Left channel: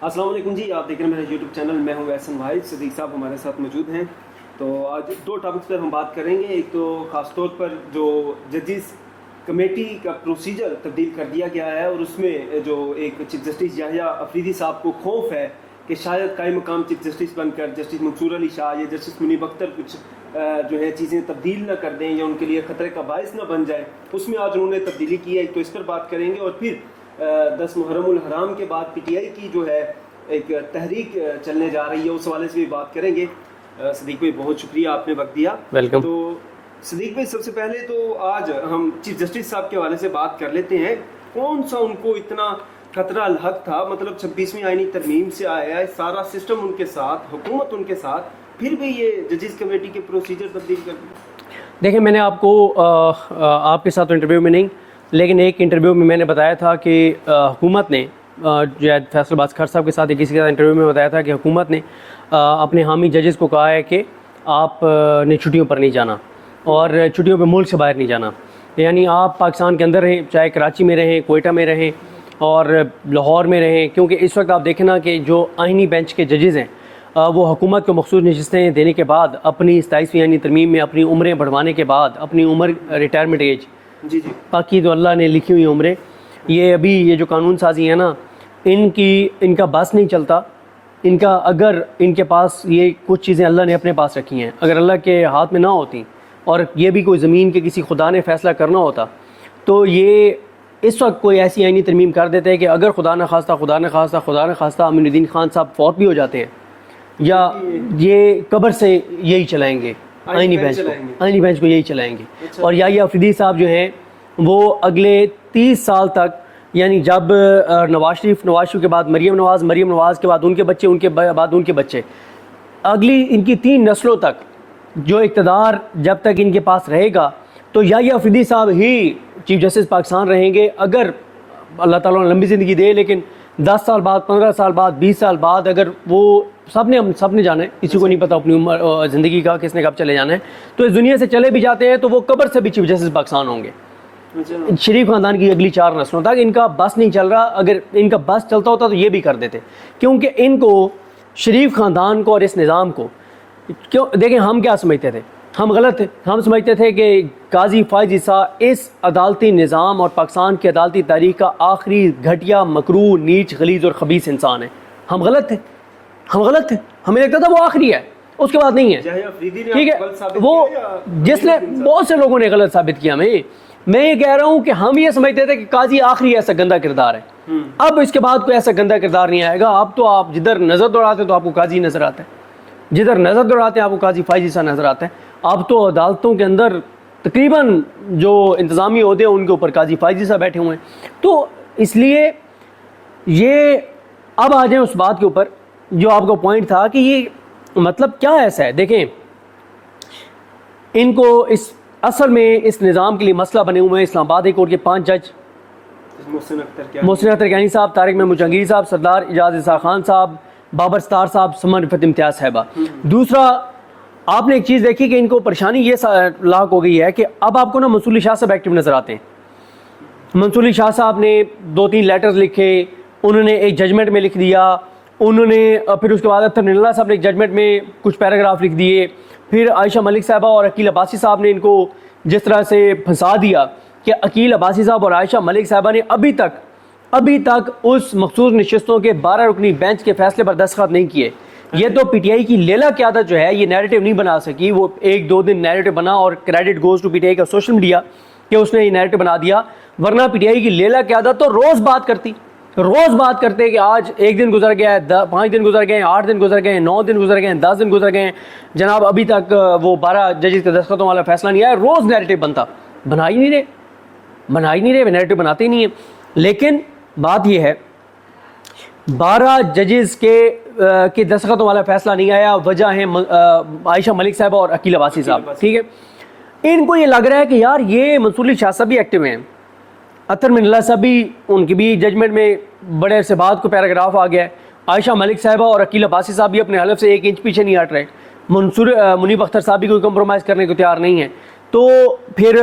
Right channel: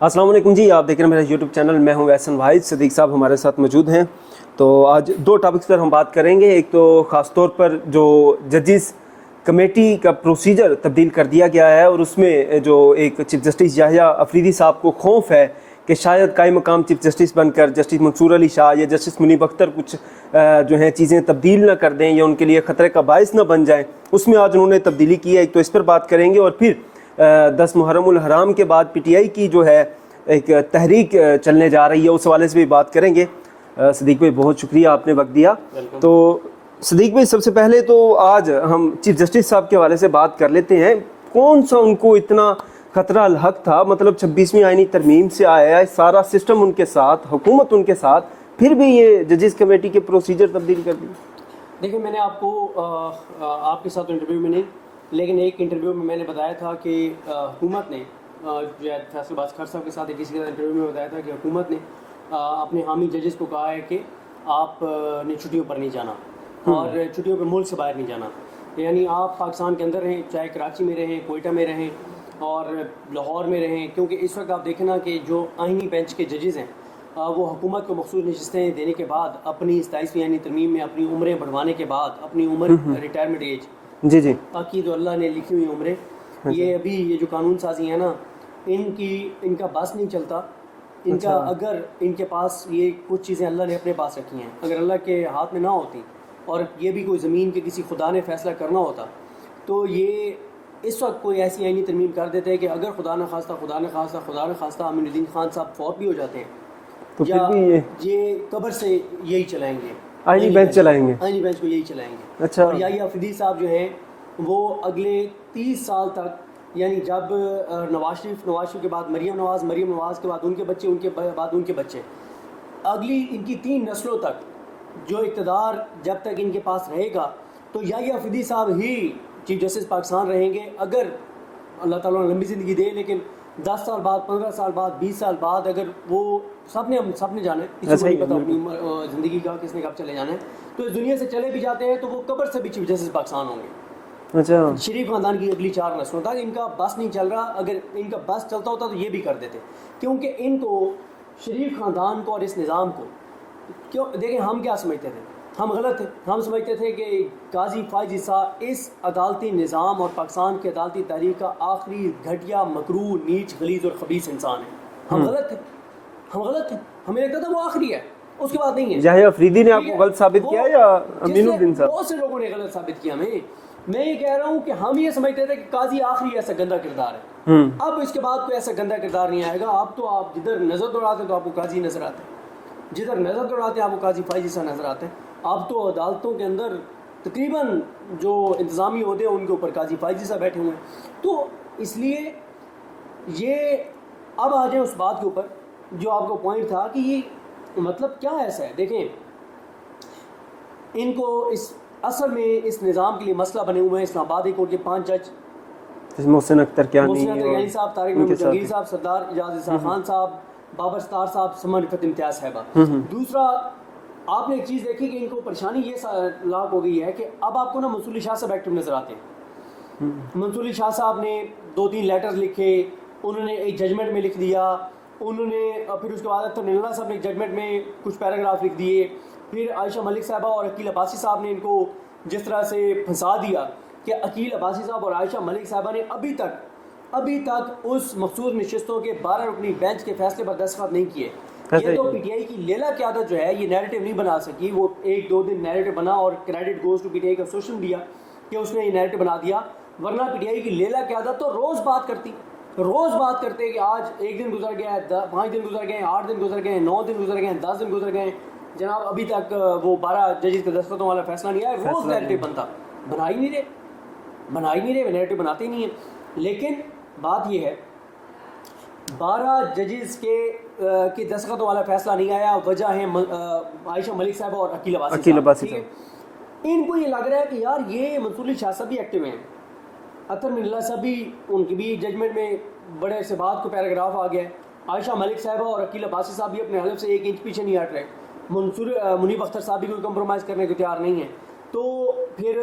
السلام علیکم جی، آپ دیکھ رہے ہیں میرا یوٹیوب چینل. میں ہوں احسن واحد. صدیق صاحب ہمارے ساتھ موجود ہیں. تو آج دو ٹاپکس پر ہم بات کریں گے. ایک تو خاص طور پر جو ججز کمیٹی کا پروسیجر تبدیل کر دیا گیا ہے، اور اس میں جو ایک چیف جسٹس یحییٰ افریدی صاحب کو خوف ہے کہ شاید قائم مقام چیف جسٹس بن کر جسٹس منصور علی شاہ یا جسٹس منیب اختر کچھ جو ہیں چیزیں تبدیل نہ کر دیں یا ان کے لیے خطرے کا باعث نہ بن جائیں. اس میں آج انہوں نے تبدیلی کی ہے. ایک تو اس پر بات کریں گے، اور پھر 10 محرم الحرام کے بعد پی ٹی آئی کی جو ہے ایک تحریک چلنے جا رہی ہے، اس حوالے سے بھی بات کریں گے. صدیق بھائی بہت شکریہ، آپ نے وقت دیا. ویلکم. تو صدیق بھائی سب سے پہلے تو آج ہم چیف جسٹس صاحب کے حوالے سے بات کر لیتے ہیں. کون سا ان کو اتنا خطرہ الحق تھا؟ مطلب 26ویں آئینی ترمیم سے آیا ہے، سارا سسٹم ان کے ساتھ، حکومت ان کے ساتھ، پھر بھی یہ ججز کمیٹی کے پروسیجر تبدیل کر دیے. دیکھیں، میں نے آپ کو آپ کے ساتھ انٹرویو میں نہیں، لیکن ایک انٹرویو میں نے بتایا تھا کہ حکومت نے جو ہے فیصل عباس خیر صاحب کے ساتھ کسی کے ساتھ انٹرویو میں بتایا تھا کہ حکومت نے اپنے حامی ججز کو کہا ہے کہ آپ نے چھٹیوں پر نہیں جانا اور چھٹیوں پہ ملک سے باہر نہیں جانا. یعنی آپ پاکستان کے اندر رہیں، چاہے کراچی میں رہیں، کوئٹہ میں رہیں اور لاہور میں رہیں، کیونکہ اس وقت آپ دیکھیں نا کہ جو آئینی بینچ کے ججز ہیں وہ حکومت کو مخصوص نشستیں دینے کے بعد، اپنی 27ویں آئینی ترمیم میں اپنی عمریں بڑھوانے کے بعد، اپنی عمر ریٹائرمنٹ ایج جی باقی تو اللہ نے لکھی ہوئی عمریں، یہ ابھی یہ جو قانون سازی ہے نا، ان کا بس نہیں چلتا. ان کا اگر ان کے پاس یہ کچھ چیزیں اللہ نے اپنے پاس رکھی ہیں، اگر اللہ کے ہاتھ میں نہ ہوتی اور یہ بھی کوئی زمین کے کسی خدا نے فیصلہ کرنا ہوتا تو یہ اس وقت کوئی ایسی آئینی ترمیم کر دیتے ہیں کہ اگر خدا نہ خواستہ امین الدین خان صاحب فوت بھی ہو جاتے ہیں یا یہ قبر سے یہی چلائیں گے، آئینی بینچ کو یہی چلائیں گے. اور یحییٰ افریدی صاحب جو ہیں وہ اگلے 30 سال تک، یعنی جب نواز شریف کے بعد مریم نواز کے بعد ان کے بچے، ان کے بعد ان کے بچے، اگلی ان کی 3 نسلوں تک جو اقتدار جب تک ان کے پاس رہے گا تو یحییٰ افریدی صاحب ہی چیف جسٹس پاکستان رہیں گے. اگر اللہ تعالیٰ نے لمبی زندگی دے، لیکن 10 سال بعد، 15 سال بعد، 20 سال بعد اگر وہ ہم سب نے جانا ہے، کسی کو نہیں پتا اپنی عمر زندگی کا کس نے کب چلے جانا ہے، تو اس دنیا سے چلے بھی جاتے ہیں تو وہ قبر سے بھی چیف جسٹس پاکستان ہوں گے. شریف خاندان کی اگلی 4 نسلوں تک. ان کا بس نہیں چل رہا. اگر ان کا بس چلتا ہوتا تو یہ بھی کر دیتے، کیونکہ ان کو شریف خاندان کو اور اس نظام کو دیکھیں، ہم کیا سمجھتے تھے؟ ہم غلط تھے. ہم سمجھتے تھے کہ قاضی فائز عیسیٰ اس عدالتی نظام اور پاکستان کی عدالتی تاریخ کا آخری گھٹیا، مکروہ، نیچ، غلیظ اور خبیث انسان ہے. ہم غلط تھے. ہمیں لگتا تھا وہ آخری ہے، اس کے بعد نہیں ہے. یحییٰ افریدی نے آپ کو غلط ثابت کیا یا جس نے بہت سے لوگوں نے غلط ثابت کیا. میں یہ کہہ رہا ہوں کہ ہم یہ سمجھتے تھے کہ قاضی آخری ایسا گندا کردار ہے. اب اس کے بعد کوئی ایسا گندا کردار نہیں آئے گا. اب تو آپ جدھر نظر دوڑاتے تو آپ کو قاضی نظر آتا ہے، جدھر نظر دوڑاتے ہیں آپ کو قاضی فائز عیسیٰ نظر آتا ہے. اب تو عدالتوں کے اندر تقریباً جو انتظامی عہدے ہیں ان کے اوپر قاضی فائز عیسیٰ بیٹھے ہوئے ہیں. تو اس لیے یہ اب آ جائیں اس بات کے اوپر جو آپ کا پوائنٹ تھا کہ یہ مطلب کیا ایسا ہے. دیکھیں، ان کو اصل میں اس نظام کے لیے مسئلہ بنے ہوئے ہیں اسلام آباد ہائی کورٹ کے 5 جج، محسن اختر کیانی صاحب، طارق محمود جہانگیر صاحب، سردار اعجاز اسحاق خان صاحب، بابر ستار صاحب، سمن رفعت امتیاز صاحبہ. دوسرا، آپ نے ایک چیز دیکھی کہ ان کو پریشانی یہ لاحق ہو گئی ہے کہ اب آپ کو نا منصور علی شاہ صاحب ایکٹیو نظر آتے ہیں. منصور علی شاہ صاحب نے 2-3 لیٹرز لکھے، انہوں نے ایک ججمنٹ میں لکھ دیا، انہوں نے پھر اس کے بعد اطہر من اللہ صاحب نے ایک ججمنٹ میں کچھ پیراگراف لکھ دیے، پھر عائشہ ملک صاحبہ اور عقیل عباسی صاحب نے ان کو جس طرح سے پھنسا دیا کہ عقیل عباسی صاحب اور عائشہ ملک صاحبہ نے ابھی تک اس مخصوص نشستوں کے 12 رکنی بینچ کے فیصلے پر دستخط نہیں کیے. یہ تو پی ٹی آئی کی لیلا قیادت جو ہے یہ نیریٹو نہیں بنا سکی. وہ 1-2 دن نیریٹو بنا اور credit goes to P T I کا سوشل میڈیا کہ اس نے یہ نیریٹو بنا دیا، ورنہ پی ٹی آئی کی لیلا قیادت تو روز بات کرتے کہ آج 1 دن گزر گیا ہے، 5 دن گزر گئے ہیں، 8 دن گزر گئے ہیں، 9 دن گزر گئے ہیں، 10 دن گزر گئے ہیں، جناب ابھی تک وہ 12 ججز کے دستخطوں والا فیصلہ نہیں آیا. روز نیریٹو بنتا، بنا ہی نہیں رہے نیریٹو بناتے ہی نہیں ہیں. لیکن بات یہ ہے 12 ججز کے دستخطوں والا فیصلہ نہیں آیا. وجہ ہے عائشہ ملک صاحبہ اور عقیل عباسی صاحب. ٹھیک ہے، ان کو یہ لگ رہا ہے کہ یار یہ منصور علی شاہ صاحب بھی ایکٹیو ہیں، اطہر من اللہ صاحب بھی، ان کی بھی ججمنٹ میں بڑے عرصے بعد کو پیراگراف آ گیا ہے. عائشہ ملک صاحبہ اور عقیل عباسی صاحب بھی اپنے حلف سے 1 انچ پیچھے نہیں ہٹ رہے. منیب اختر صاحب بھی کوئی کمپرومائز کرنے کو تیار نہیں ہے. تو پھر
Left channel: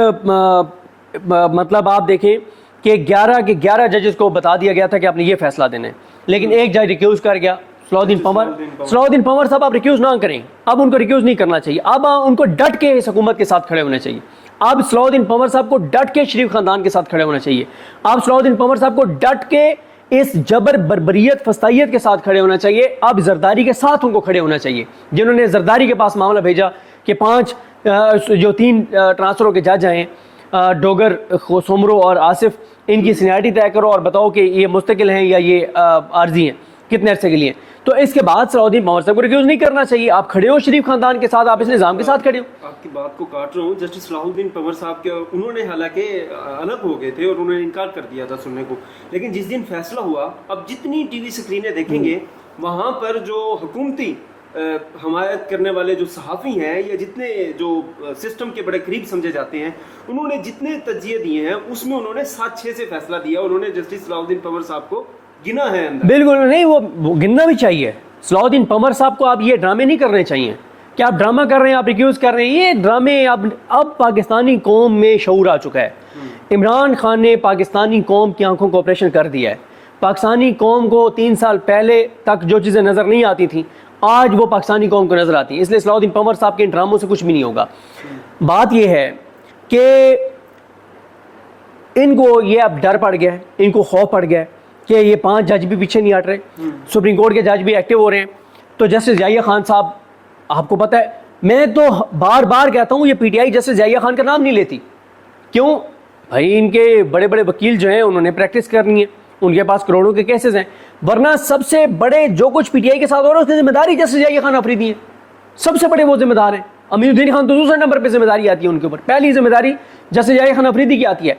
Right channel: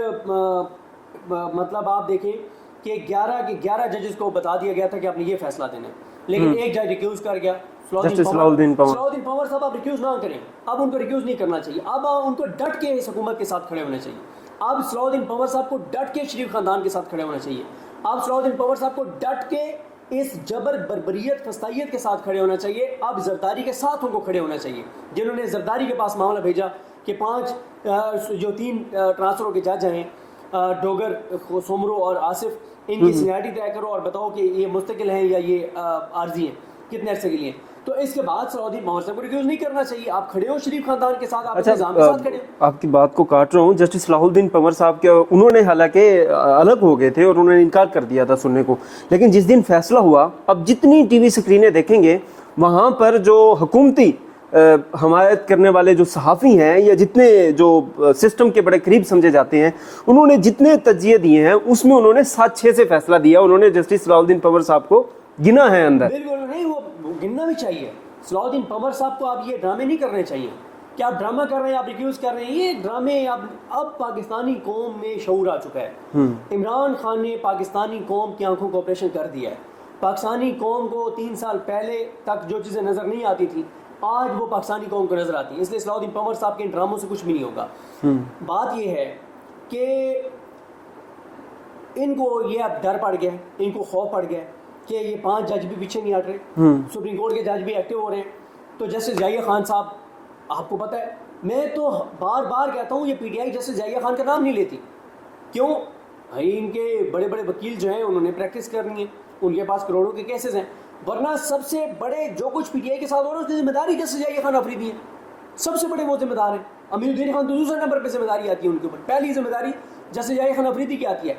مطلب آپ دیکھیں کہ 11 کے 11 ججز کو بتا دیا گیا تھا کہ آپ نے یہ فیصلہ دینا ہے, لیکن ایک جج ریکیوز کر گیا, صلاح الدین پنور صاحب آپ ریکیوز نہ کریں, اب ان کو ریکیوز نہیں کرنا چاہیے, اب ان کو ڈٹ کے اس حکومت کے ساتھ کھڑے ہونے چاہیے. اب صلاح الدین پنور صاحب کو ڈٹ کے شریف خاندان کے ساتھ کھڑے ہونا چاہیے. اب صلاح الدین پنور صاحب کو ڈٹ کے اس جبر بربریت فسطائیت کے ساتھ کھڑے ہونا چاہیے. اب زرداری کے ساتھ ان کو کھڑے ہونا چاہیے, جنہوں نے زرداری کے پاس معاملہ بھیجا کہ 3 ٹرانسفروں کے جج ہیں, ڈوگر, سومرو اور آصف, ان کی سینیارٹی طے کرو اور بتاؤ کہ یہ مستقل ہیں یا یہ عارضی ہیں, کتنے عرصے کے لیے. تو اس کے بعد صلاح الدین پنور صاحب کو ریکیوز نہیں کرنا چاہیے. آپ کھڑے ہو شریف خاندان کے ساتھ, آپ اس نظام کے ساتھ کھڑے ہو. آپ کی بات کو کاٹ رہا ہوں, جسٹس صلاح الدین پنور صاحب کے انہوں نے حالانکہ الگ ہو گئے تھے اور انہوں نے انکار کر دیا تھا سننے کو, لیکن جس دن فیصلہ ہوا, اب جتنی ٹی وی سکرینیں دیکھیں گے وہاں پر جو حکومتی حمایت کرنے والے جو صحافی ہیں یا جتنے جو سسٹم کے بڑے قریب سمجھے جاتے ہیں, انہوں نے جتنے تجزیے دیے ہیں اس میں انہوں نے 7-6 سے فیصلہ دیا. انہوں نے جسٹس صلاح الدین پنور صاحب کو گنا ہے اندر. بالکل نہیں, وہ گننا بھی چاہیے. صلاح الدین پنور صاحب کو آپ یہ ڈرامے نہیں کرنے چاہیے کہ آپ ڈرامہ کر رہے ہیں, آپ ریکیوز کر رہے ہیں. یہ ڈرامے اب پاکستانی قوم میں شعور آ چکا ہے. عمران خان نے پاکستانی قوم کی آنکھوں کو آپریشن کر دیا ہے. پاکستانی قوم کو 3 سال پہلے تک جو چیزیں نظر نہیں آتی تھیں آج وہ پاکستانی قوم کو نظر آتی ہیں. اس لیے صلاح الدین پنور صاحب کے ان ڈراموں سے کچھ بھی نہیں ہوگا. بات یہ ہے کہ ان کو یہ اب ڈر پڑ گیا ہے, ان کو خوف پڑ گیا ہے کہ یہ 5 جج بھی پیچھے نہیں ہٹ رہے, سپریم کورٹ کے جج بھی ایکٹیو ہو رہے ہیں. تو جسٹس ضیاء خان صاحب, آپ کو پتہ ہے میں تو بار بار کہتا ہوں یہ پی ٹی آئی جسٹس ضیاء خان کا نام نہیں لیتی. کیوں بھائی؟ ان کے بڑے بڑے وکیل جو ہیں انہوں نے پریکٹس کرنی ہے, ان کے پاس کروڑوں کے کیسز ہیں, ورنہ سب سے بڑے جو کچھ پی ٹی آئی کے ساتھ ہو رہا ہے اس کی ذمہ داری جسٹس ضیاء خان آفریدی ہیں. سب سے بڑے وہ ذمہ دار ہیں. امین الدین خان تو دوسرے نمبر پہ ذمہ داری آتی ہے ان کے اوپر, پہلی ذمہ داری جسٹس ضیاء خان آفریدی کی آتی ہے.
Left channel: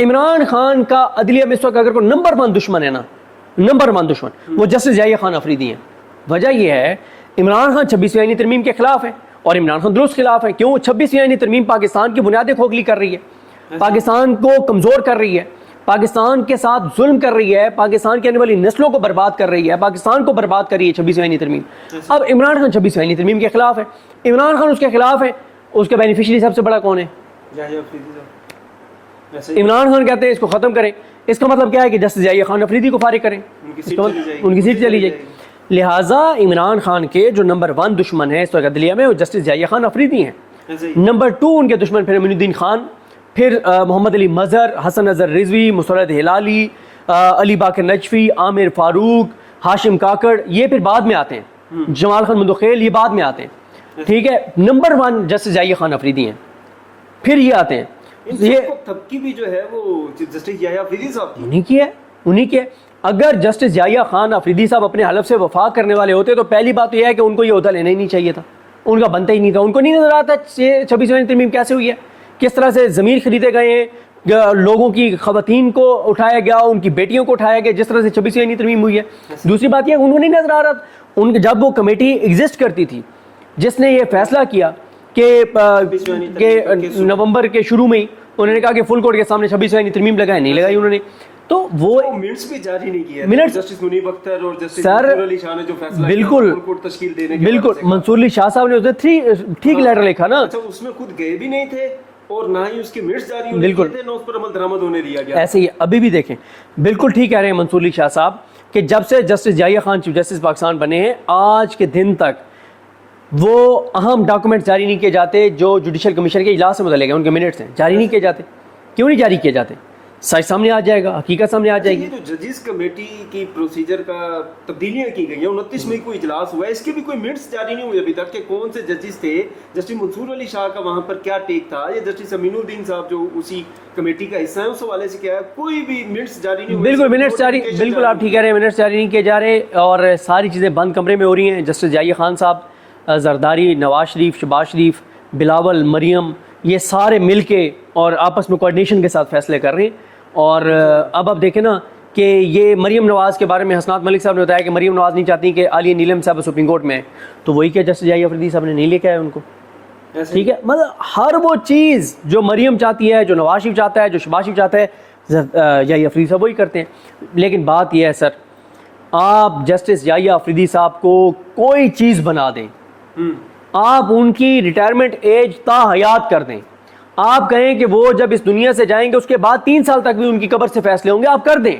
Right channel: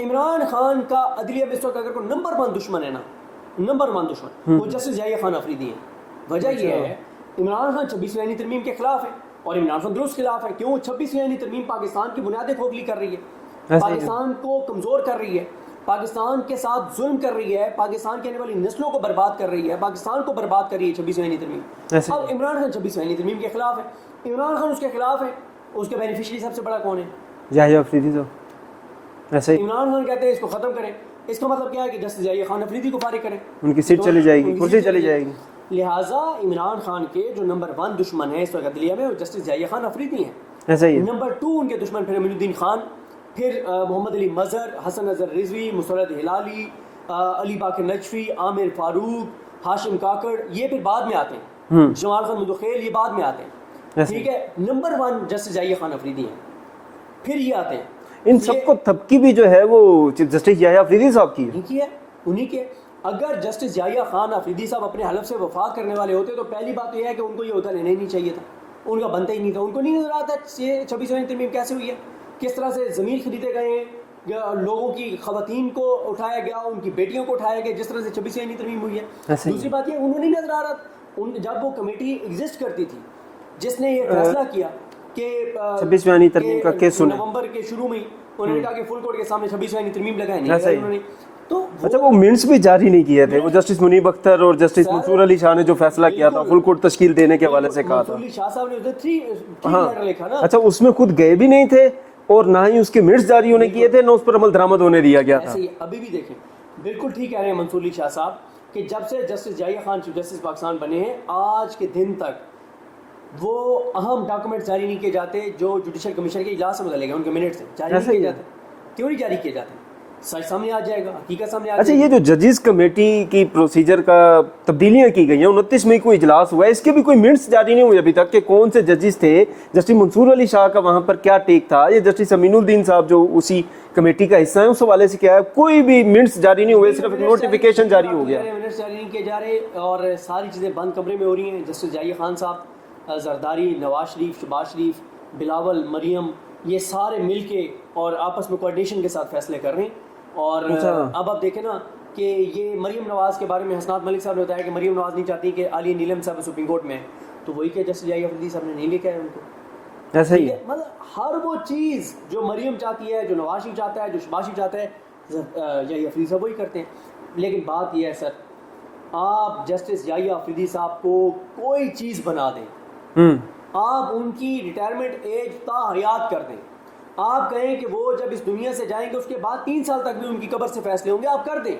عمران خان کا عدلیہ میں اس وقت اگر کوئی نمبر 1 دشمن ہے نا, نمبر 1 دشمن وہ جسٹس ضیاء خان آفریدی ہیں. وجہ یہ ہے عمران خان 26ویں آئینی ترمیم کے خلاف ہے اور عمران خان درست خلاف ہے. کیوں؟ 26ویں آئینی ترمیم پاکستان کی بنیادیں کھوکھلی کر رہی ہے, پاکستان کو کمزور کر رہی ہے, پاکستان کے ساتھ ظلم کر رہی ہے, پاکستان کی آنے والی نسلوں کو برباد کر رہی ہے, پاکستان کو برباد کر رہی ہے 26ویں آئینی ترمیم. اب عمران خان 26ویں آئینی ترمیم کے خلاف ہے, عمران خان اس کے خلاف ہے, اس کا بینیفیشری سب سے بڑا کون ہے؟ ضیاء آفریدی صاحب. عمران خان کہتے ہیں اس کو ختم کریں. اس کا مطلب کیا ہے کہ جسٹس ضیاء خان آفریدی کو فارغ کریں, ان کی سیٹ چلی جائے گی, ان کی سیٹ چلی جائے گی. لہٰذا عمران خان کے جو نمبر 1 دشمن ہے اس وقت عدلیہ میں وہ جسٹس ضیاء خان آفریدی ہیں. نمبر 2 ان کے دشمن پھر امین الدین خان, پھر محمد علی مظہر, حسن اظہر رضوی, مسرت ہلالی, علی باقر نجفی, عامر فاروق, ہاشم کاکڑ, یہ پھر بعد میں آتے ہیں. جمال خان مندوخیل یہ بعد میں آتے ہیں. ٹھیک ہے, نمبر 1 جسٹس ضیاء خان آفریدی ہیں, پھر یہ آتے ہیں. ان سب کو تبکی بھی جو ہے وہ جسٹس ضیاء آفریدی صاحب کی انہی کی ہے. اگر جسٹس ضیاء خان آفریدی صاحب اپنے حلف سے وفا کرنے والے ہوتے تو پہلی بات تو یہ ہے کہ ان کو یہ عہدہ لینا ہی نہیں چاہیے تھا, ان کا بنتا ہی نہیں تھا. ان کو نہیں نظر آتا 26ویں ترمیم کیسے ہوئی ہے, کس طرح سے ضمیر خریدے گئے ہیں, لوگوں کی خواتین کو اٹھایا گیا, ان کی بیٹیوں کو اٹھایا گیا, جس طرح سے 26ویں ترمیم ہوئی ہے. دوسری بات یہ انہوں نے نہیں نظر آ رہا, ان جب وہ کمیٹی ایگزسٹ کرتی تھی جس نے یہ فیصلہ کیا کہ نومبر کے شروع میں ہی انہوں نے کہا کہ فل کورٹ کے سامنے 26ویں ترمیم لگائے, نہیں لگائی انہوں نے. تو وہ منٹس بھی جاری نہیں کیے تھے. جسٹس منیب اختر اور جسٹس منصور علی شاہ نے جو فیصلہ کیا تھا فل کورٹ تشکیل دینے کے حوالے سے, منصور علی شاہ صاحب نے اسے ٹھیک لیٹر لکھا نا. اچھا, اس میں خود گئے بھی نہیں تھے اور نہ ہی اس کے منٹس جاری ہونے دیے تھے, نہ اس پر عمل درآمد ہونے دیا گیا. ایسے ہی ابھی بھی دیکھیں, بالکل ٹھیک کہہ رہے ہیں منصور علی شاہ صاحب کہ جب سے justice Zia Khan chief justice Pakistan بنے ہیں آج کے دن تک وہ اہم ڈاکومنٹ جاری نہیں کیے جاتے جو جوڈیشل کمیشن کے اجلاس سے متعلق ہیں, ان کے منٹس ہیں, جاری نہیں کیے جاتے. کیوں نہیں جاری کیے جاتے؟ سچ سامنے آ جائے گا, حقیقت سامنے آ جائے گی. یہ جو ججز کمیٹی کی پروسیجر کا تبدیلیاں کی گئی ہیں, 29 مئی کو اجلاس ہوا ہے, اس کے بھی کوئی منٹس جاری نہیں ہوئے ابھی تک کہ کون سے ججز تھے, جسٹس منصور علی شاہ کا وہاں پر کیا ٹیک تھا, یا جسٹس امین الدین صاحب جو اسی کمیٹی کا حصہ ہیں اس حوالے سے کیا ہے, کوئی بھی منٹس جاری نہیں ہوئے. بالکل منٹس جاری, بالکل آپ ٹھیک کہہ رہے ہیں, منٹس جاری نہیں کیے جا رہے اور ساری چیزیں بند کمرے میں ہو رہی ہیں. جسٹس ضیاء خان صاحب, زرداری, نواز شریف, شہباز شریف, بلاول, مریم, یہ سارے مل کے اور آپس میں کوآرڈینیشن کے ساتھ فیصلے کر رہے ہیں. اور اب آپ دیکھیں نا کہ یہ مریم نواز کے بارے میں حسنات ملک صاحب نے بتایا کہ مریم نواز نہیں چاہتی کہ عالیہ نیلم صاحب سپریم کورٹ میں, تو وہی کیا جسٹس ضیاء آفریدی صاحب نے نہیں لے کے آئے ان کو. ٹھیک ہے, مطلب ہر وہ چیز جو مریم چاہتی ہے, جو نواز شریف چاہتا ہے, جو شہباز شریف چاہتا ہے, ضیاء آفریدی صاحب وہی کرتے ہیں. لیکن بات یہ ہے سر, آپ جسٹس ضیاء آفریدی صاحب کو کوئی چیز بنا دیں, آپ ان کی ریٹائرمنٹ ایج تا حیات کر دیں, آپ کہیں کہ وہ جب اس دنیا سے جائیں گے اس کے بعد 3 سال تک بھی ان کی قبر سے فیصلے ہوں گے، آپ کر دیں.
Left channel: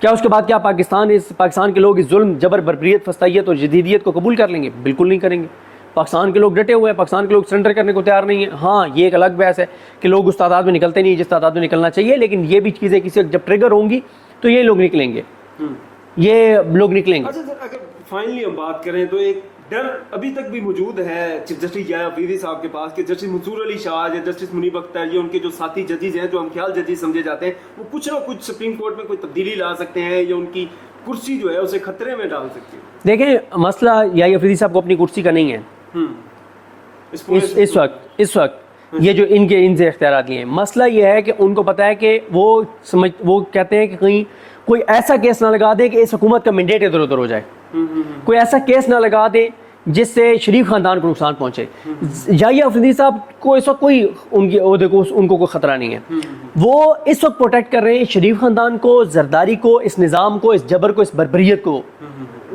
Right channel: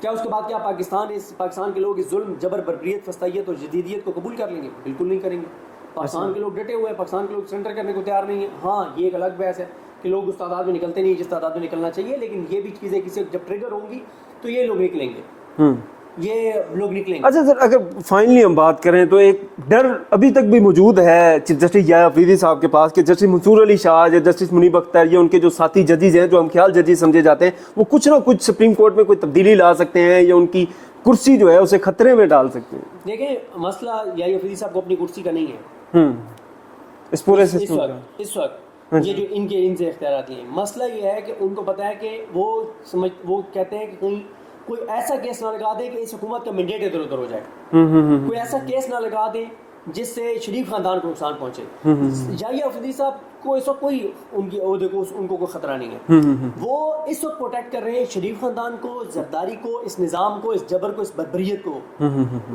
کیا اس کے بعد کیا پاکستان کے لوگ اس ظلم، جبر، بربریت، فسطائیت اور جدیدیت کو قبول کر لیں گے؟ بالکل نہیں کریں گے. پاکستان کے لوگ ڈٹے ہوئے ہیں، پاکستان کے لوگ سرنڈر کرنے کو تیار نہیں ہیں. ہاں یہ ایک الگ بحث ہے کہ لوگ اس تعداد میں نکلتے نہیں جس تعداد میں نکلنا چاہیے، لیکن یہ بھی چیزیں کسی جب ٹریگر ہوں گی تو یہ لوگ نکلیں گے، یہ لوگ نکلیں گے. اچھا سر، اگر فائنلی ہم بات کریں تو ایک ڈر ابھی تک بھی موجود ہے چیف جسٹس یحییٰ آفریدی صاحب کے پاس کہ جسٹس منصور علی شاہ یا جسٹس منیب اختر یا ان کے جو ساتھی ججز ہیں جو ہم خیال ججز سمجھے جاتے ہیں، وہ کچھ نہ کچھ سپریم کورٹ میں کوئی تبدیلی لا سکتے ہیں یا ان کی کرسی جو ہے اسے خطرے میں ڈال سکتے ہیں. دیکھیں مسئلہ یحییٰ آفریدی صاحب کو اپنی کرسی کا نہیں ہے اس وقت یہ جو ان سے اختیارات لیے ہیں. مسئلہ یہ ہے کہ ان کو پتہ ہے کہ وہ کہتے ہیں کہ کہیں کوئی ایسا کیس نہ لگا دے کہ اس حکومت کا مینڈیٹ ادھر ادھر ہو جائے، کوئی ایسا کیس نہ لگا دے جس سے شریف خاندان کو نقصان پہنچے. یحییٰ آفریدی صاحب کو اس وقت کوئی ان کی عہدے کو ان کو کوئی خطرہ نہیں ہے. وہ اس وقت پروٹیکٹ کر رہے ہیں شریف خاندان کو، زرداری کو، اس نظام کو، اس جبر کو، اس بربریت کو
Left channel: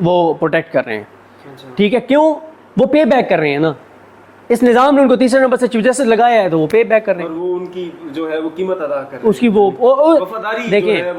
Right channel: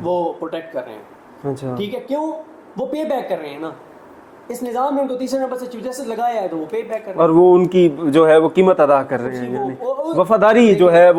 وہ پروٹیکٹ کر رہے ہیں. ٹھیک ہے، کیوں؟ وہ پے بیک کر رہے ہیں نا. اس نظام نے ان کو تیسرے نمبر سے چیف جسٹس لگایا ہے تو وہ پے بیک کر رہے ہیں، اور وہ ان کی جو ہے وہ قیمت ادا کر رہے ہیں، اس کی وہ وفاداری جو ہے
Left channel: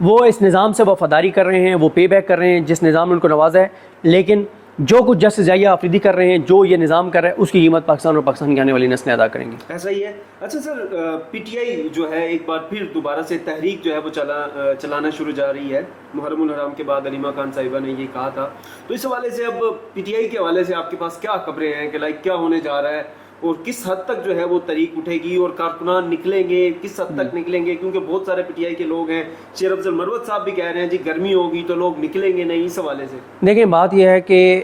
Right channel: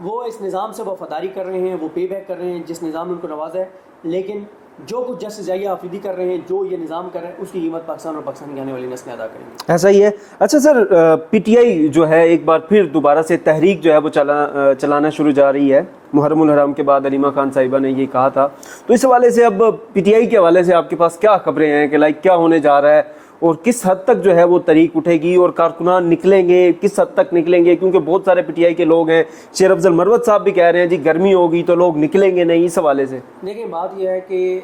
وہ اس نظام سے وفاداری کر رہے ہیں، وہ پے بیک کر رہے ہیں جس نظام نے ان کو نوازا ہے. لیکن جو کچھ جسٹس یحییٰ آفریدی کر رہے ہیں، جو یہ نظام کر رہا ہے، اس کی قیمت پاکستان اور پاکستان کی آنے والی نسلیں ادا کریں گی. ایسا ہی ہے. اچھا سر، پی ٹی آئی جو ہے ایک بار پھر دوبارہ سے تحریک جو ہے وہ چلانا شروع جا رہی ہے. محرم الحرام کے بعد علیمہ خان صاحبہ نے یہ کہا تھا، تو اس حوالے سے اب پی ٹی آئی کے حوالے سے آپ کے پاس کیا خبریں ہیں کہ کیا ہونے جا رہا ہے اور کس حد تک جو ہے وہ تحریک اٹھے گی اور کارکنان نکلیں گے، کس حد تک نکلیں گے؟ کیونکہ بہت سارے پی ٹی آئی کے لوگ ہیں، شیر افضل مروت صاحب بھی کہہ رہے ہیں جی گرمی ہوگی تو لوگ نکلیں گے نہیں. اس حوالے سے دیکھیں بات یہ ہے کہ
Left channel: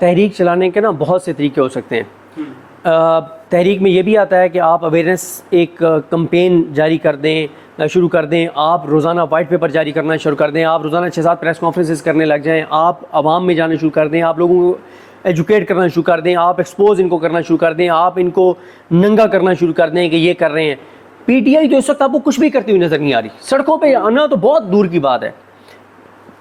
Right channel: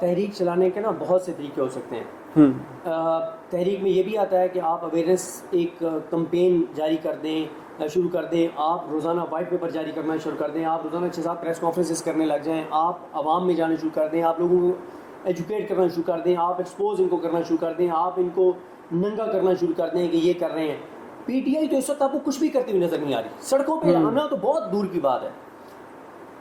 تحریک چلانے کے نا بہت سے طریقے ہو سکتے ہیں. تحریک میں یہ بھی آتا ہے کہ آپ اویئرنیس ایک کمپین جاری کر دیں، شروع کر دیں، آپ روزانہ وائٹ پیپر جاری کرنا شروع کر دیں، آپ روزانہ 6-7 پریس کانفرنسز کرنے لگ جائیں، آپ عوام میں جانا شروع کر دیں، آپ لوگوں کو ایجوکیٹ کرنا شروع کر دیں، آپ ایکسپوز ان کو کرنا شروع کر دیں، آپ ان کو ننگا کرنا شروع کر دیں کہ یہ کر رہے ہیں. پی ٹی آئی تو اس وقت آپ کو کچھ بھی کرتی ہوئی نظر نہیں آ رہی. سڑکوں پہ آنا تو بہت دور کی بات ہے.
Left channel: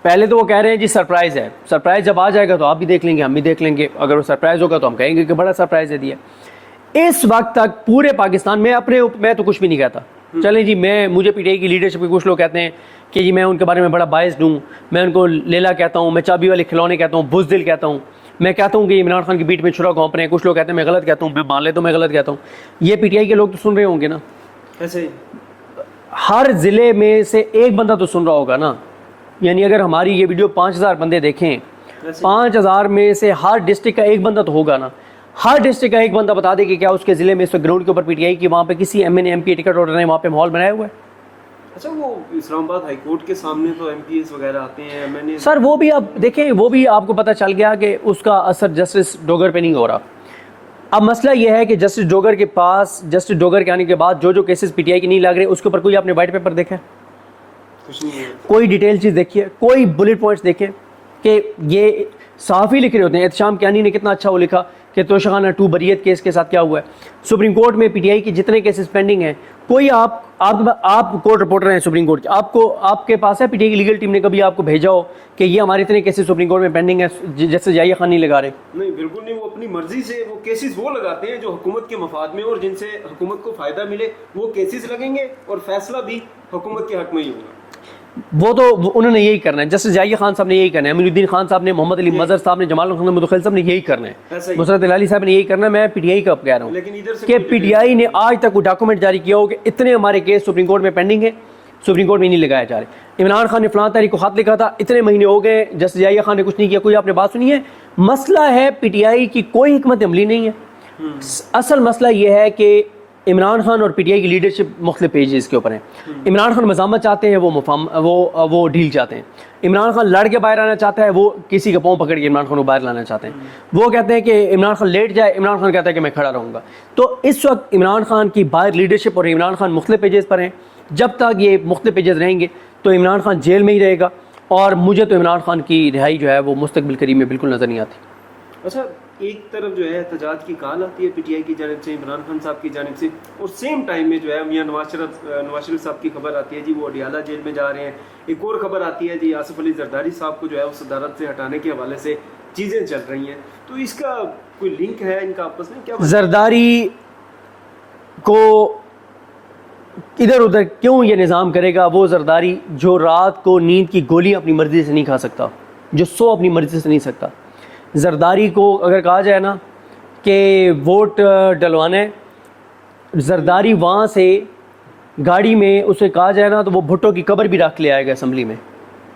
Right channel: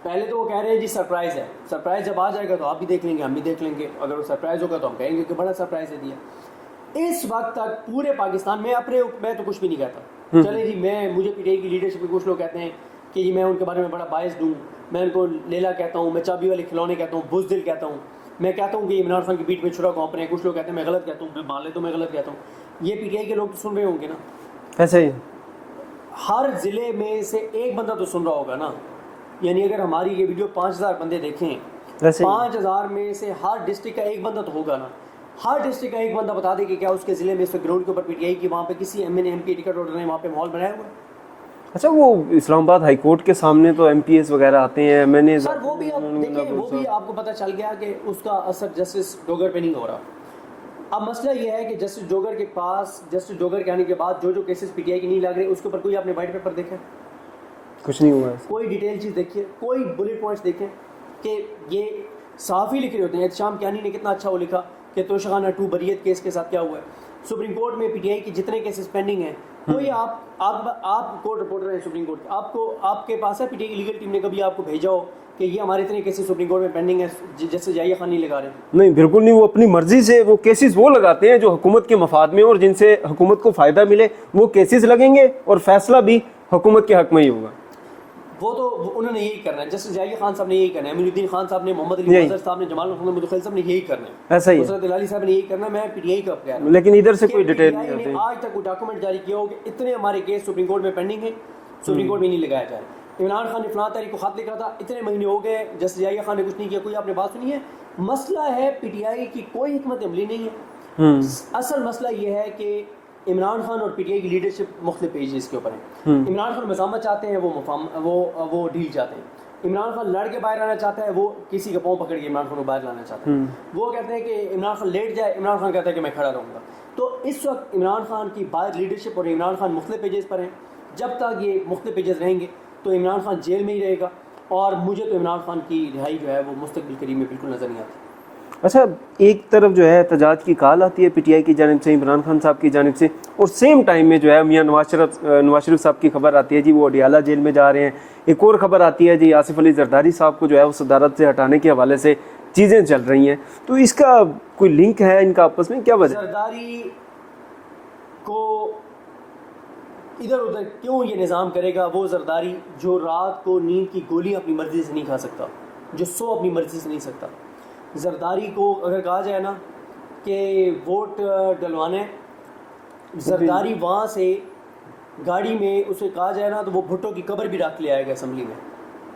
پہلے تو وہ کہہ رہے ہیں جی سرپرائز ہے، سرپرائز جب آ جائے گا تو آپ بھی دیکھ لیں گے، ہم بھی دیکھ لیں گے. اگر وہ سرپرائز ہوگا تو ہم کہیں گے کہ بڑا سرپرائز ہے دیا. اس وقت تک پورے پاکستان میں تو کچھ بھی نہیں کہتا. چلیں جی، مجھے پی ٹی آئی کی لیڈرشپ کے کچھ لوگ کہتے ہیں کہ جی میں ان کے بارے میں بڑا باعث ہوں، میں ان کو لیلا کہتا ہوں، میں چابی والے کھلونے کہتا ہوں، بزدل کہتا ہوں، میں کہتا ہوں کہ عمران خان کی بیٹ میں چھڑا گھونپ رہے ہیں. کچھ لوگ کہتے ہیں میں غلط کہتا ہوں، میں مان لے تو میں غلط کہتا ہوں. یہ پی ٹی آئی کے لوگ تو سن رہے ہوں گے نا. ایسے ہی ہر ضلع میں سے ایک بندہ تو سن رہا ہوگا نا. یعنی اگر ہماری یہ ویڈیو 5000 بندے دیکھیں، 5000 میں سے ہر ڈسٹرکٹ کا ایک بندہ تو ہوگا نا. ہر ڈسٹرکٹ کا ایک بندہ بتا دے کہ کیا اس کے ضلع میں اس گراؤنڈ کے اوپر پی ٹی آئی کی وہاں پہ کسی M N A M P ticket order نے وہاں پہ ماحول بنایا ہوا ہے. اچھا، وہ اسلام آباد ہائی کورٹ کے سامنے تو ایم پی ایس وغیرہ آتے ہیں. میں نے سر وہ بھی آپ دیکھیں، وہ بھی آپ کو پتہ چل گیا کہ اس کا اثر جسٹس ڈوگر پہ نہیں ہو رہا. اب مسئلہ یہ ہے کہ جسٹس ڈوگر کے پاس، جسٹس ڈوگر کے آنے کے بعد جو کیسز پی ٹی آئی کے نہیں لگ رہے، اس کے اوپر کوئی آپ نے وائٹ پیپر دیکھا ہے؟ کچھ نہیں ہوا. کوئی ڈیٹیل چیز دیکھیے، کوئی بلٹ پوائنٹس دیکھیں کہ یہ صحافی لکھ رہے ہوتے ہیں. احتشام کیانی نے کتنا اچھا وہ لکھا کہ توشخانہ 2 بریت کیس کے ساتھ کیا ہوا ہے. سپریم کورٹ میں پی ٹی آئی کی جتنے کیسز پینڈنگ ہیں، کوئی آپ کورٹ رپورٹر ہیں سپریم کورٹ کے، آپ کے پاس ہے پی ٹی آئی کی لیگل ٹیم نے کبھی آپ کو بھیجا ہو کہ یہ ہمارے اتنے کیسز سپریم کورٹ میں پینڈنگ ہیں جیسے یحییٰ خان نہیں لگا رہے؟ نہیں، بالکل نہیں. وہ اپنی مرضی سے وہ کیسز وہ لگاتے ہیں جو حکومت کے مفاد میں اور جن سے حکومت کو فائدہ ملے، وہ کیسز لگیں گے اور فیصلہ بھی حکومت کے حق میں ہی ہوگا. وہ تو انہوں نے یہی کرنا ہے. جسٹس یحییٰ خان صاحب نے یہی کرنا ہے، امین الدین خان صاحب نے، محمد علی مظہر صاحب نے، جمال خان مدخل صاحب نے یہی کرنا ہے، نصرت العلی صاحب نے یہی کرنا ہے. میں پی ٹی آئی کا کہہ رہا ہوں لیکن ادھر سے کہ پی ٹی آئی نے آج تک کوئی ڈاکومنٹ جاری کیا ہو کہ اتنے ہمارے کیس سپریم کورٹ میں پینڈنگ ہے، سپریم کورٹ میں نہیں لگایا جا رہے. عمران خان نے فلاں تاریخ کو خط لکھا تھا، اتنے مہینے ہو گئے، جسٹس یحییٰ خان نے کچھ نہیں کیا. کوئی آپ نے بات سنی ہے؟ مسئلہ ہے پی ٹی آئی کی کوئی حکمت عملی نہیں ہے. اصل مسئلہ یہ ہے کہ عمران خان اور پی ٹی آئی کی لیڈرشپ مختلف پیجز کے اوپر ہیں. عمران خان مزاحمت چاہتے ہیں، وہ ڈھیل چاہتے ہیں. عمران خان لڑ کے باہر آنا چاہتا ہے، وہ کسی کا پاؤں پکڑ کے عمران خان کو باہر لانا چاہتے ہیں. وہ کہتے ہیں کہ عمران خان لیٹ جائے، عمران خان کہتا ہے کہ میں کھڑا رہوں گا. تو اس وقت عمران خان کی باہر لیڈرشپ اور عمران خان مختلف پیجز پر ہیں. جب تک یہ مختلف پیجز رہیں گے تو عمران خان جیل میں ہی رہے گا، اور مجھے تو عمران خان کی رہائی جو ہے وہ مستقبل قریب میں بالکل نظر نہیں آتی. اچھا، ایک طرف جو ہے احتجاج کی کال آتی ہے پی ٹی آئی کی جانب سے، عمران خان صاحب کی جانب سے، اور سیم ٹائم میں جو ہے میاں نواز شریف صاحب کی خبر آتی ہے جی وہ اڈیالہ جیل میں جا رہے ہیں. ایک اور خبر آتی ہے جی آصف علی زرداری صاحب کو جو ہے اس صدارت سے ہٹانے کے حوالے سے چیزیں چل رہی ہیں. تو اس کا کوئی لنک ہے ان کا آپس میں؟ کیا زرداری کو ادھر ادھر کیوں یہ نظام کرے گا؟ وہ زرداری جو رات کو نیند کی گولی اپنی مرضی سے نہیں کھا سکتا، جو سو اپنی مرضی سے نہیں سکتا، زرداری کو اگر کہا جائے نا کہ ووٹ ڈلوانا ہے، زرداری وہاں سے گاڑی میں اسے کہا جائے نا تو وہ بھٹو کی قبر بھی رکھ لے آئے گا اسمبلی میں،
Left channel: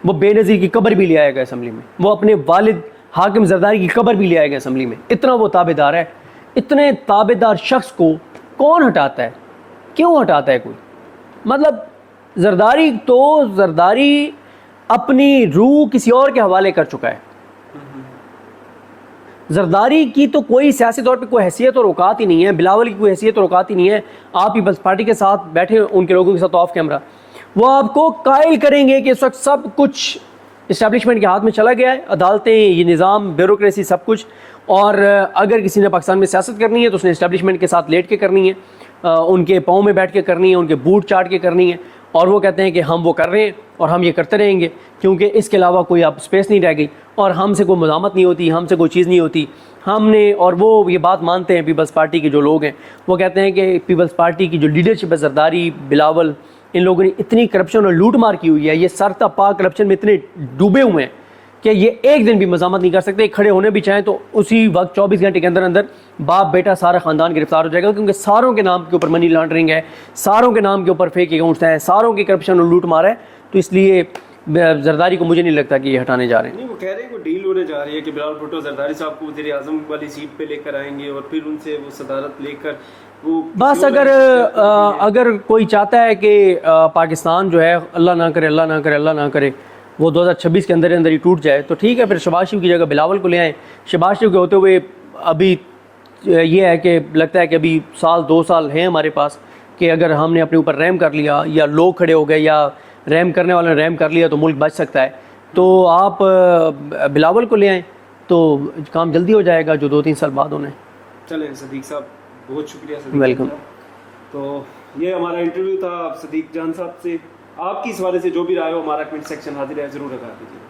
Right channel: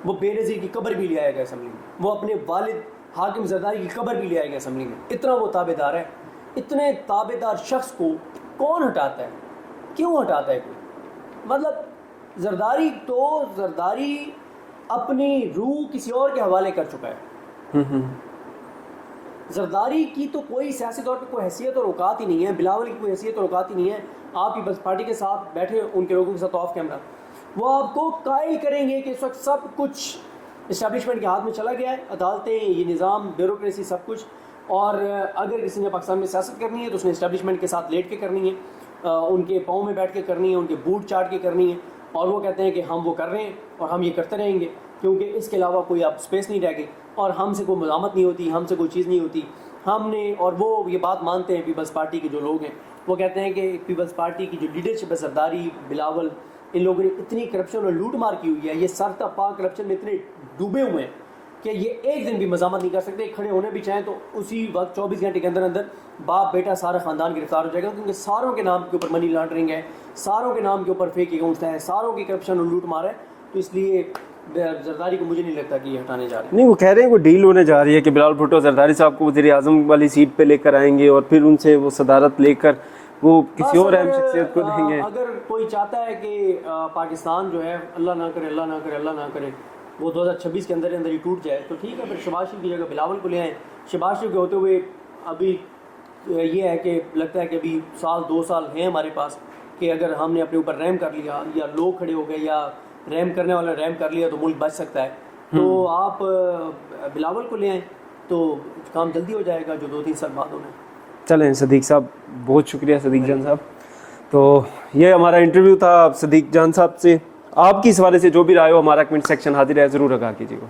وہ بے نظیر کی قبر بھی لے آئے گا اسمبلی میں، وہ اپنے والد حاکم زرداری کی قبر بھی لے آئے گا اسمبلی میں، اتنا وہ تابع دار ہے۔ اتنے تابع دار شخص کو کون ہٹاتا ہے؟ کیوں ہٹاتا ہے کوئی؟ مطلب زرداری اپنی روح کسی اور کے حوالے کر چکا ہے۔ زرداری کی تو کوئی سیاسی طور پہ کوئی حیثیت اور اوقات ہی نہیں ہے، بلاول کی کوئی حیثیت اور اوقات ہی نہیں ہے۔ آپ پیپلز پارٹی کے ساتھ بیٹھے ان کے لوگوں کے ساتھ آف کیمرہ، وہ آپ کو قائل کریں گے کہ اس وقت سب کچھ اسٹیبلشمنٹ کے ہاتھ میں چلا گیا ہے، عدالتیں، یہ نظام، بیوروکریسی، سب کچھ، اور اگر کسی نے پاکستان میں سیاست کرنی ہے تو اس نے اسٹیبلشمنٹ کے ساتھ لیٹ کے کرنی ہے، ان کے پاؤں میں بیٹھ کے کرنی ہے، ان کے بوٹ چاٹ کے کرنی ہے، اور وہ کہتے ہیں کہ ہم وہ کر رہے ہیں اور ہم یہ کرتے رہیں گے کیونکہ اس کے علاوہ کوئی اب اسپیس نہیں رہ گئی، اور ہم سے کوئی مزاحمت نہیں ہوتی، ہم سے کوئی چیز نہیں ہوتی ہم نے۔ اور وہ یہ بات مانتے ہیں پیپلز پارٹی کے جو لوگ ہیں، وہ کہتے ہیں کہ پیپلز پارٹی کی جو لیڈرشپ ہے، زرداری، بلاول، ان لوگوں نے اتنی کرپشن اور لوٹ مار کی ہوئی ہے، یہ سر تا پا کرپشن میں اتنے ڈوبے ہوئے ہیں کہ یہ ایک دن بھی مزاحمت نہیں کر سکتے، کھڑے ہونے بھی چاہیں تو اسی وقت 24 گھنٹے کے اندر اندر باپ بیٹا سارا خاندان گرفتار ہو جائے گا، کیونکہ ساروں کے نام کے اوپر منی لانڈرنگ ہے، ساروں کے نام کے اوپر فیک اکاؤنٹس ہیں، ساروں کی کرپشن اور لوٹ مار ہے۔ تو اس لیے زرداری کو مجھے نہیں لگتا کہ یہ ہٹانے جا رہے ہیں۔ نہیں، وہ کہہ رہے ہیں وہ ڈیل ہونے جا رہی ہے کہ بلاول بھٹو زرداری صاحب کو وزیر اعظم والی سیٹ پہ لے کر آئیں گے اور پھر ان سے وہ صدارت لے کر وہ بس اگر کوئی چاہتا ہے کہ پاکستان جو ہے اللہ نہ کرے اللہ نہ کرے اللہ نہ کرے وہ 2026 کے اندر ہی ٹوٹ جائے تو ٹھیک ہے، پھر شہباز شریف کی جگہ بلاول کو لے آئیں۔ شہباز شریف کے ہوتے ہوئے ابھی یہ ہے کہ لگتا ہے کہ ابھی سال 2 سال ہیں ہمارے پاس کہ اگر ہم نے اپنے اوپر رحم کر لیا یا لوگ کھڑے ہو گئے یا رحم کرنے والوں نے رحم کر لیا تو ملک بچ سکتا ہے۔ تو آپ بلاول کو لے آئیں تو کام جلدی ہو جائے گا جو 2-3 سال بعد ہونا ہے۔ چلیں صدیق صاحب، بہت شکریہ صدیق جان صاحب۔ تو یہ ہمارا انٹرویو تھا صدیق جان صاحب سے۔ آپ کی اس حوالے سے جو بھی رائے ہو ہمارا کمنٹ سیکشن حاضر ہے، ضرور آگاہ کیجیے گا۔